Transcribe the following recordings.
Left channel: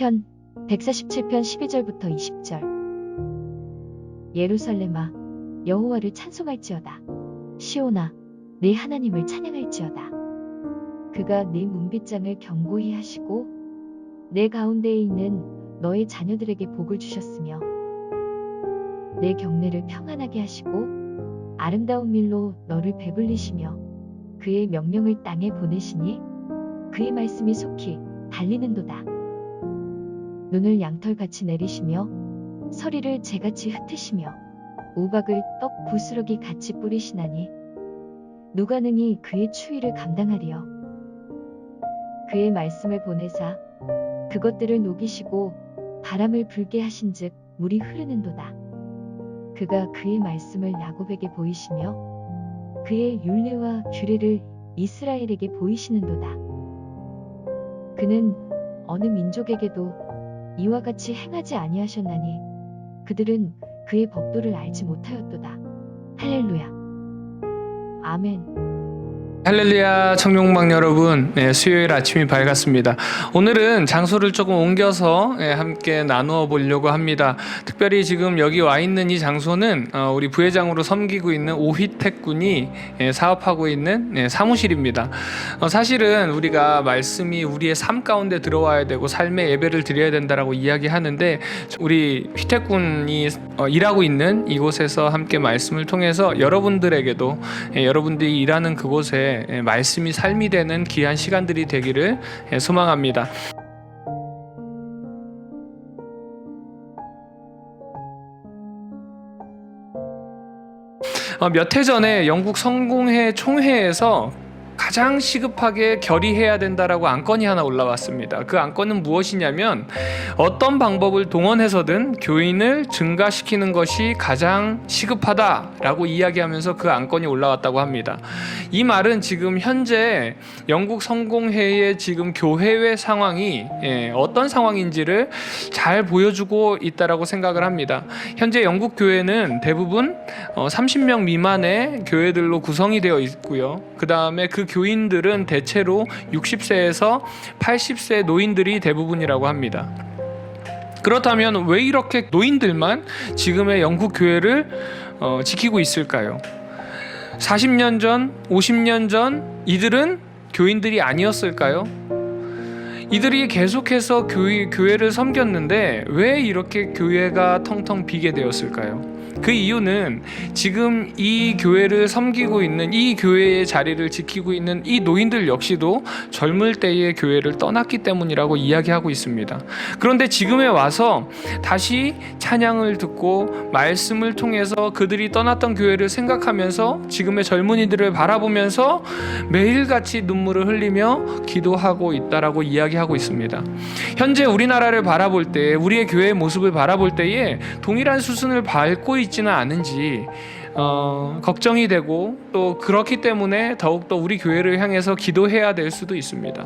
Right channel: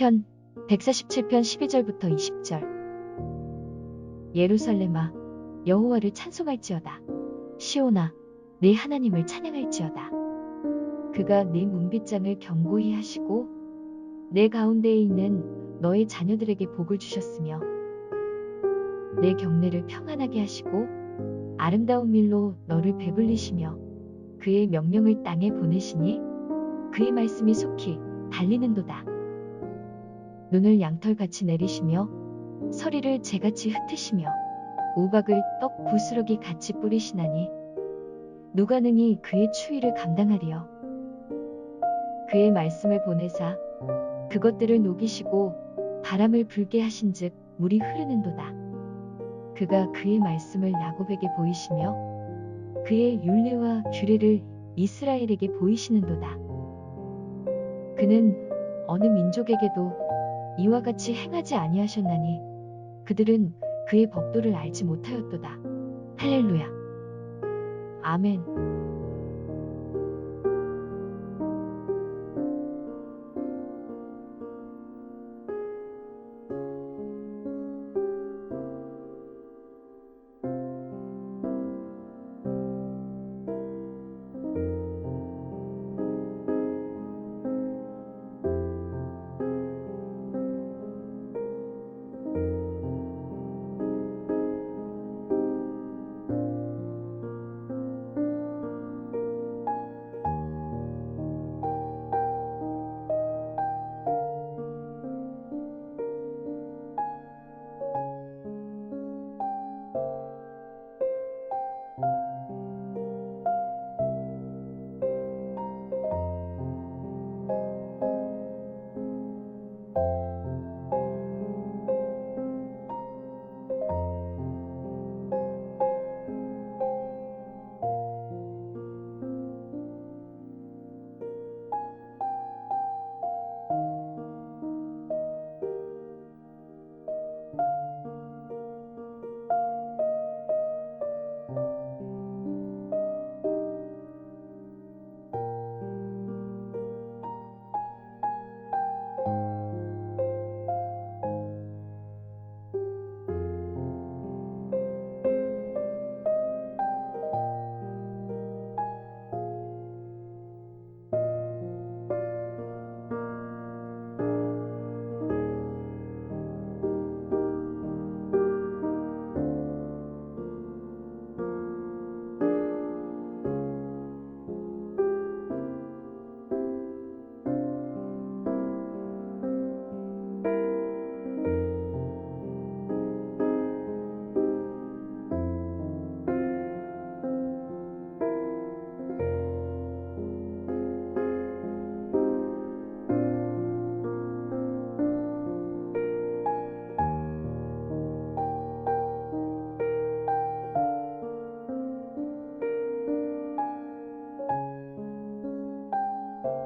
시편 147편 12절부터 20절. 예루살렘아, 여호와를 찬송할지어다. 시온아, 네 하나님을 찬양할지어다. 그가 네 문빗장을 견고히 하시고 내 가운데에 있는 너의 자녀들에게 복을 주셨으며 내 경내를 평안하게 하시고 아름다운 밀로 너를 배불리시며 그의 명령을 땅에 보내시니 그의 말씀이 속히 달리는도다. 눈을 양털같이 내리시며 서리를 재같이 흩으시며 우박을 떡 부스러기 같이 뿌리시나니 누가 능히 그의 추위를 감당하리요. 그의 말씀을 보내사 그것들을 녹이시고 바람을 불게 하신즉 물이 흐르는도다. 그가 그의 말씀을 야곱에게 보이시며 그의 율례와 규례를 이스라엘에게 보이시는도다. 그는 어느 민족에게도 이와 같이 행하지 아니하셨나니 그들은 그의 법도를 알지 못하였도다. 할렐루야. 아멘. 할렐루야, 청룡방 여러분, 수요일 아침이 밝았습니다. 오늘은 장소를 조금 옮겨서 함께 나누어 보려고 합니다. 특별히 지금 여기 와 있는 이 장소는 우리 부회장으로 섬기고 있는 오휘택 군이 사업하고 있는 사무실입니다. 사실은 우리가 말씀이 우리의 삶 가운데 들어와야 되고 삶의 예배를 드려야 된다라고 이야기하는데, 우리 휘택 군이 일하고 있는 이곳에서 함께 말씀을 통해서 여러분들에게도 여러분들이 일하는 그곳에 말씀이 삶이 되는 귀한 시간들이 되기를 소망합니다. 몇 해 전에 영국 성공회 총회에서 가장 시급하게 결의해야 된다라고 안건이 하나 올라왔습니다. 그 안건은 무엇이냐면, 어떤 방법을 동원해서든 교인을 증가시키는 것이 가장 시급하다라고 이야기하면서 그 안건이 올라왔다고 합니다. 이 말은 지금 현재 영국 성공회의 지금 교회의 상황이 어떤 상황인지를 잘 보여주고 있다라고 생각을 합니다. 현재 영국 교회는 대부분 30명 미만의 교회들로 구성이 되어 있고요. 그 다음에 그 교인들은 대체로 60세에서 80세 노인들이 대부분이라고 합니다. 그렇다면 왜 이렇게 노인들만 지금의 영국 교회를 지키고 있을까요? 40년 전, 50년 전 이들은 교인들이 아니었을까요? 이들이 계속해서 교회를 섬겼는데 왜 이렇게 교회가 텅텅 비게 되었을까요? 그 이유는 지금 이 교회를 섬기고 있는, 이 교회의 자리를 지키고 있는 이 노인들 역시도 젊을 때의 교회를 떠났기 때문이라고 이야기하고 있습니다. 그런데 지금에 와서 다시 찬양을 듣고 말씀을 통해서 그들이 떠났던 교회를 생각하면서 지금의 젊은이들을 바라보면서 매일같이 눈물을 흘리며 기도하고 있다라고 이야기하고 있습니다. 현재 우리나라를 바라볼 때, 우리의 교회의 모습을 바라볼 때에 동일한 수순을 밟고 있지는 않은지 걱정이 되고, 또 그렇기 때문에 더욱더 우리 교회를 향해서 기도해야 될 수도 있습니다.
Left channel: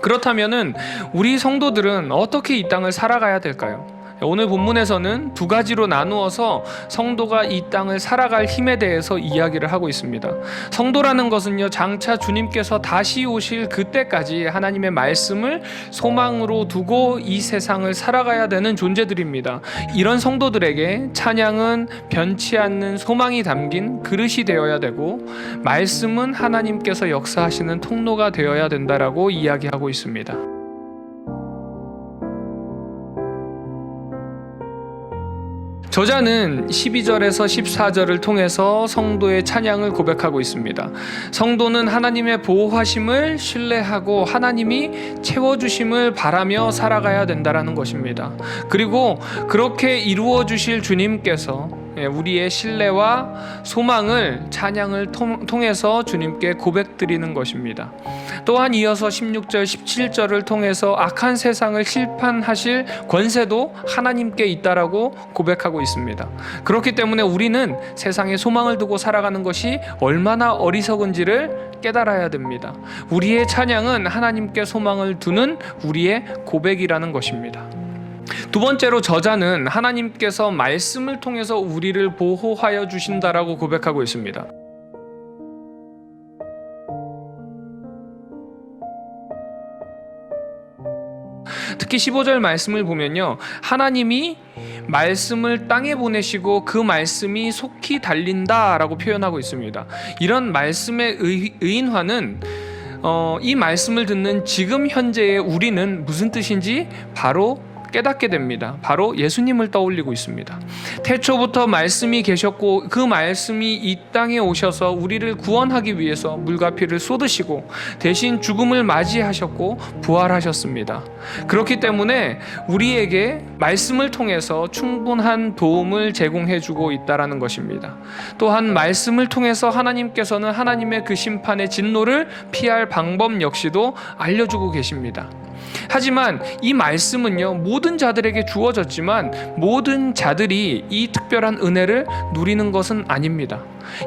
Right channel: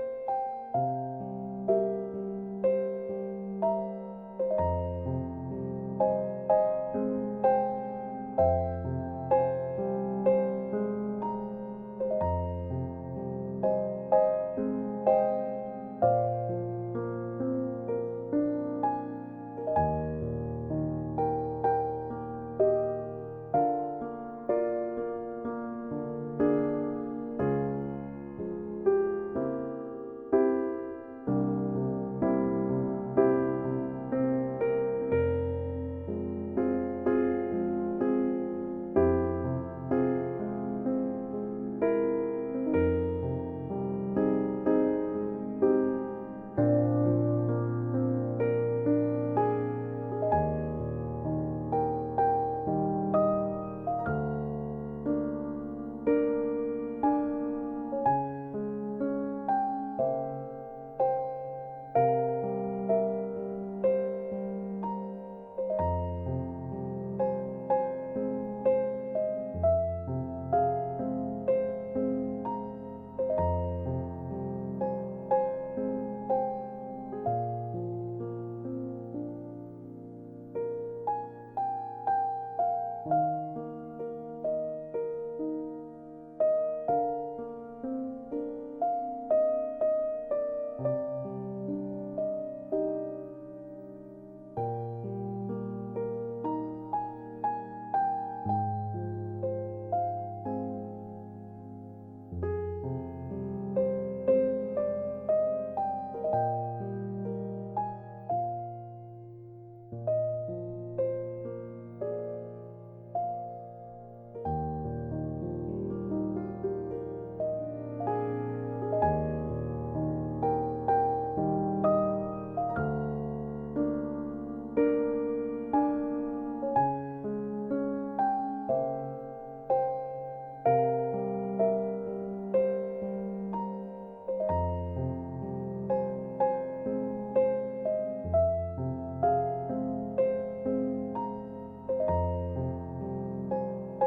그렇다면은 우리 성도들은 어떻게 이 땅을 살아가야 될까요? 오늘 본문에서는 두 가지로 나누어서 성도가 이 땅을 살아갈 힘에 대해서 이야기를 하고 있습니다. 성도라는 것은요, 장차 주님께서 다시 오실 그때까지 하나님의 말씀을 소망으로 두고 이 세상을 살아가야 되는 존재들입니다. 이런 성도들에게 찬양은 변치 않는 소망이 담긴 그릇이 되어야 되고, 말씀은 하나님께서 역사하시는 통로가 되어야 된다라고 이야기하고 있습니다. 저자는 12절에서 14절을 통해서 성도의 찬양을 고백하고 있습니다. 성도는 하나님의 보호하심을 신뢰하고 하나님이 채워주심을 바라며 살아가야 된다는 것입니다. 그리고 그렇게 이루어 주실 주님께서 우리의 신뢰와 소망을 찬양을 통해서 주님께 고백드리는 것입니다. 또한 이어서 16절, 17절을 통해서 악한 세상을 심판하실 권세도 하나님께 있다라고 고백하고 있습니다. 그렇기 때문에 우리는 세상에 소망을 두고 살아가는 것이 얼마나 어리석은지를 깨달아야 됩니다. 우리의 찬양은 하나님께 소망을 두는 우리의 고백이라는 것입니다. 두 번째로 저자는 하나님께서 말씀을 통해서 우리를 보호하여 주신다라고 고백하고 있습니다. 특히 15절 말씀을 보면요, 하나님이 말씀을 땅에 보내시고 그 말씀이 속히 달린다라고 표현하고 있습니다. 이런 말씀의 의인화는 이 말씀을 듣는 지금 현재의 우리는 무슨 뜻인지 바로 깨닫게 됩니다. 바로 예수님을 떠올리고 있습니다. 태초부터 말씀이 계셨고 그 말씀이 이 땅에 오셔서 우리를 구원하기 위해서 물과 피를 쏟으시고 대신 죽음을 맞이하셨고 부활하셨습니다. 그렇기 때문에 우리에게 말씀을 통해서 충분한 도움을 제공해 주고 있다라는 것입니다. 또한 말씀을 통해서 하나님께서는 하나님의 그 심판의 진노를 피할 방법 역시도 알려주고 계십니다. 하지만 이 말씀은요, 모든 자들에게 주어졌지만 모든 자들이 이 특별한 은혜를 누리는 것은 아닙니다.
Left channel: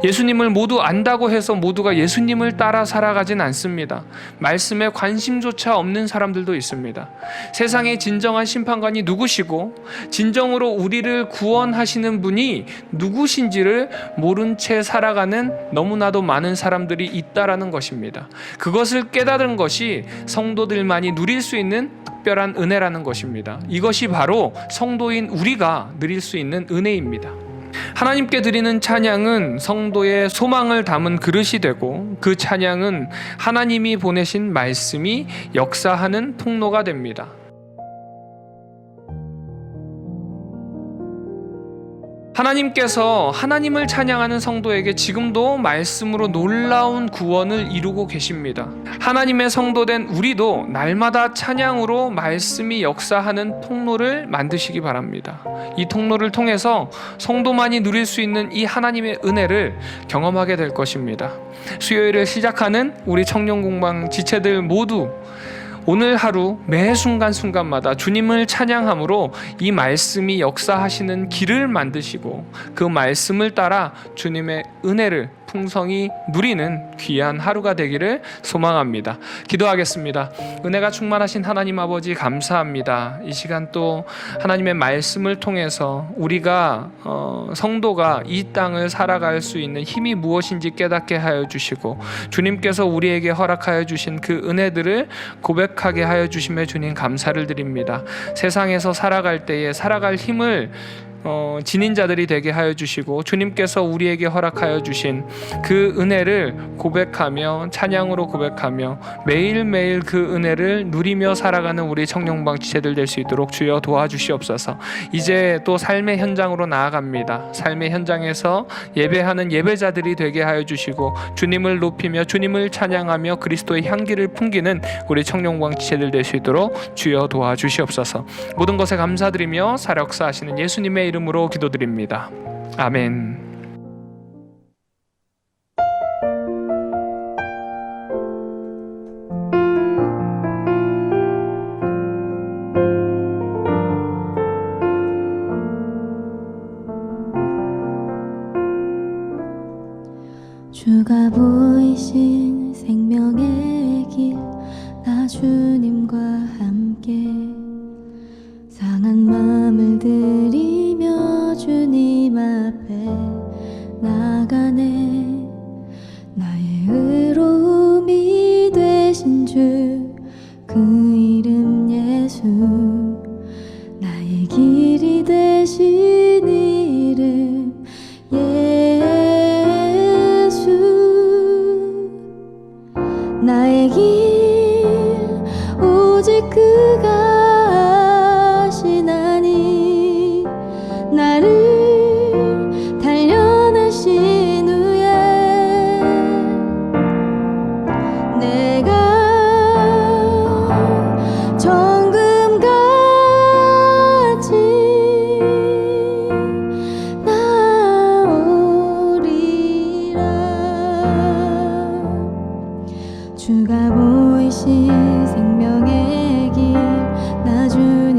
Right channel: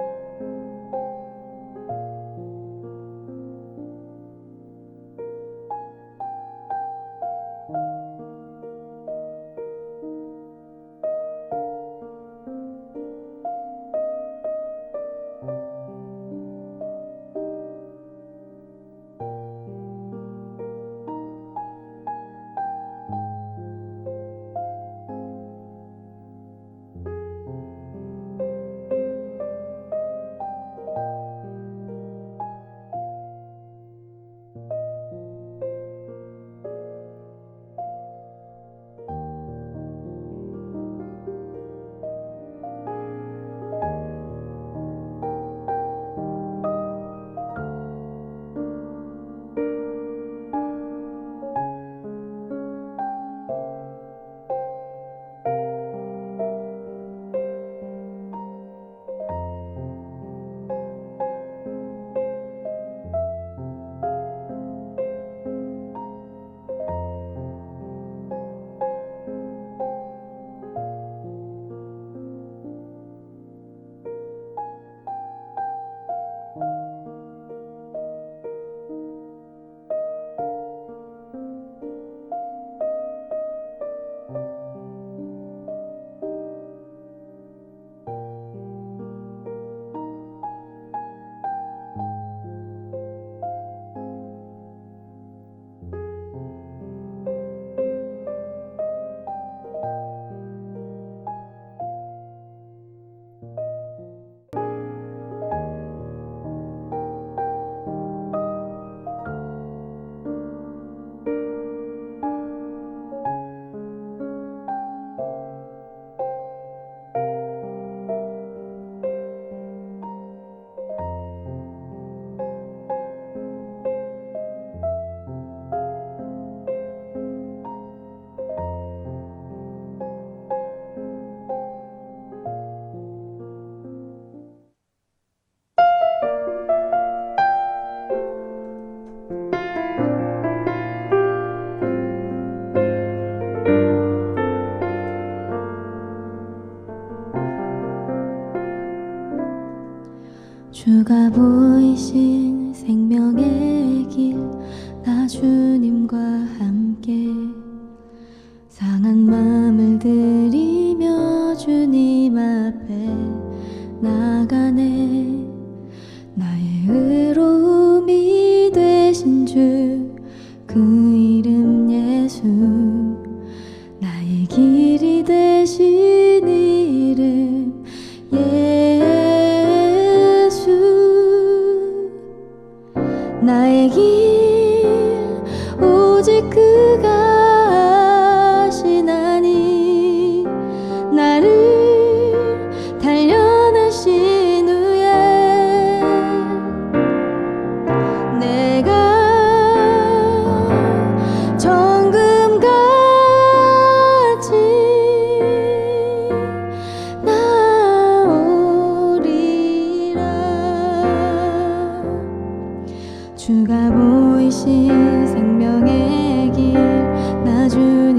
예수님을 모두 안다고 해서 모두가 예수님을 따라 살아가진 않습니다. 말씀에 관심조차 없는 사람들도 있습니다. 세상의 진정한 심판관이 누구시고 진정으로 우리를 구원하시는 분이 누구신지를 모른 채 살아가는 너무나도 많은 사람들이 있다라는 것입니다. 그것을 깨달은 것이 성도들만이 누릴 수 있는 특별한 은혜라는 것입니다. 이것이 바로 성도인 우리가 누릴 수 있는 은혜입니다. 하나님께 드리는 찬양은 성도의 소망을 담은 그릇이 되고 그 찬양은 하나님이 보내신 말씀이 역사하는 통로가 됩니다. 하나님께서 하나님을 찬양하는 성도에게 지금도 말씀으로 놀라운 구원을 이루고 계십니다. 하나님의 성도된 우리도 날마다 찬양으로 말씀이 역사하는 통로를 만드시기 바랍니다. 이 통로를 통해서 성도만이 누릴 수 있는 이 하나님의 은혜를 경험하게 될 것입니다. 수요일을 시작하는 우리 청년공방 지체들 모두 오늘 하루 매 순간순간마다 주님을 찬양함으로 이 말씀이 역사하시는 길을 만드시고 그 말씀을 따라 주님의 은혜를 풍성히 누리는 귀한 하루가 되기를 소망합니다. 기도하겠습니다. 은혜가 충만하신 하나님 아버지 감사합니다. 이 시간 또 하나님의 말씀을 통해서 우리가 성도가 이 땅을 살아갈 수 있는 힘이 무엇인지 깨닫게 하여 주시고 주님께서 우리에게 허락하여 주신 그 은혜들을 고백하게 하여 주심에 주님 감사를 드립니다. 세상에서 살아갈 때에 살아갈 힘을 지닌 자들이 되게 하여 주시고 주님께서 우리에게 허락하여 주신 그 은혜를 고백하며 찬양으로 고백하며 매일매일 그 은혜를 누리며 살아가는 우리 청년방 지체들 될 수 있도록 주여 도와주시옵소서. 이제 또 삶의 현장으로 나아갑니다. 삶의 현장에서 예배하는 예배자들이 되게 하여 주시고 주님을 높이며 주님을 찬양하며 그리스도의 향기를 풍기는 우리 청년방 지체들 될 수 있도록 주여 도와주시옵소서. 모든 것에 감사드리며 사역사하시는 예수님의 이름으로 기도드립니다. 아멘. 주가 보이신 생명의 길, 나 주님과 함께 상한 마음을 들이며 주님 앞에 나가네. 나의 의로움이 되신 주, 그 이름 예수, 나의 길이 되신 이름 예수. 나의 길 오직 그가 아시나니, 나를 단련하신 후에 내가 정금같이 나오리라. 주가 보이신 생명의 길, 나 주